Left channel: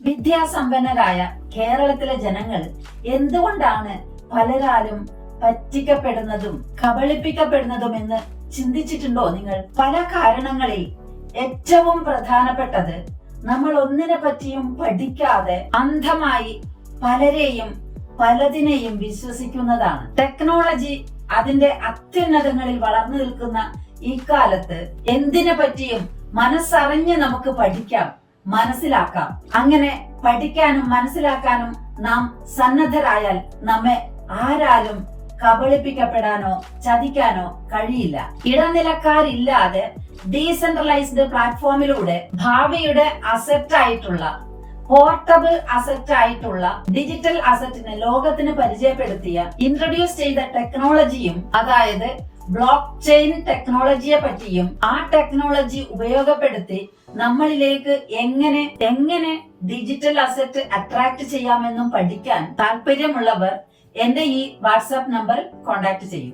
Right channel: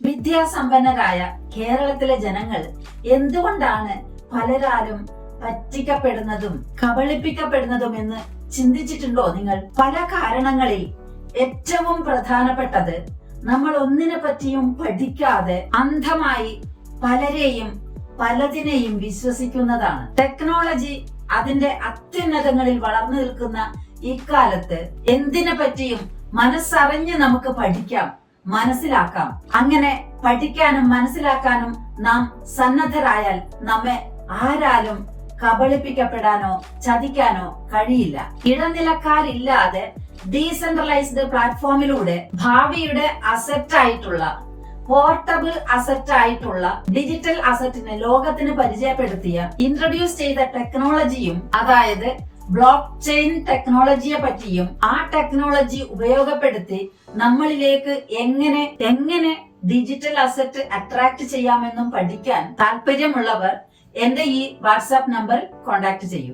വിദ്യാസമ്പന്നരായ കേരളത്തിലെ ജനങ്ങൾ എന്തുകൊണ്ടാണ് പലരാലും പറ്റിക്കപ്പെടുന്നതും കബളിപ്പിക്കപ്പെടുന്നതും എന്ന് ചിന്തിച്ചിട്ടുണ്ടോ നിങ്ങൾ? പല കാരണങ്ങളിൽ ഏറ്റവും പ്രധാനപ്പെട്ടത് നമ്മൾ ഒന്നിനെ പറ്റിയും പഠിക്കാതെ അന്ധമായി പലരെയും പലതിനെയും വിശ്വസിക്കുന്നതാണ്. ടെക്നോളജി അതിന്റെ അത്യുന്നതങ്ങളിൽ വളർന്നു നിൽക്കുന്ന ഈ കാലത്ത് എന്തിനെ പറ്റിയും മനസ്സറിഞ്ഞ് നമുക്ക് പഠിക്കാം, മനസ്സിലാക്കാം. അങ്ങനെ പഠിക്കാനും മനസ്സിലാക്കാനും നാം സന്നദ്ധരായാൽ നമ്മെ ആരാലും കബളിപ്പിക്കപ്പെടാനോ ചതിക്കാനോ കഴിയില്ല. ഇടനിലക്കാരില്ലാതെ ഡീസെൻട്രലൈസ്ഡ് പ്ലാറ്റ്ഫോമിലൂടെ ഭാവിയുടെ അസറ്റ് ആയിട്ടുള്ള പോർട്ടബിൾ അസറ്റ് ആയിട്ടുള്ള ഡിജിറ്റൽ അസറ്റിനെ ലോകത്തിന് പരിചയപ്പെടുത്തിയ ഇൻട്രൊഡ്യൂസ് ചെയ്ത ടെക്നോളജിയും, അതായത് ബ്ലോക്ക് ചെയിൻ ടെക്നോളജിയെ പറ്റിയും ആ ടെക്നോളജി ഉപയോഗപ്പെടുത്തി നമ്മളിലേക്ക് എങ്ങനെ ഡിജിറ്റൽ അസറ്റ് അട്രാക്ട് ചെയ്യാമെന്നും പഠിക്കാൻ താല്പര്യമുള്ളവർ എന്റെ ഈ വാട്സാപ്പ് നമ്പറിൽ കോൺടാക്ട് ചെയ്യൂ.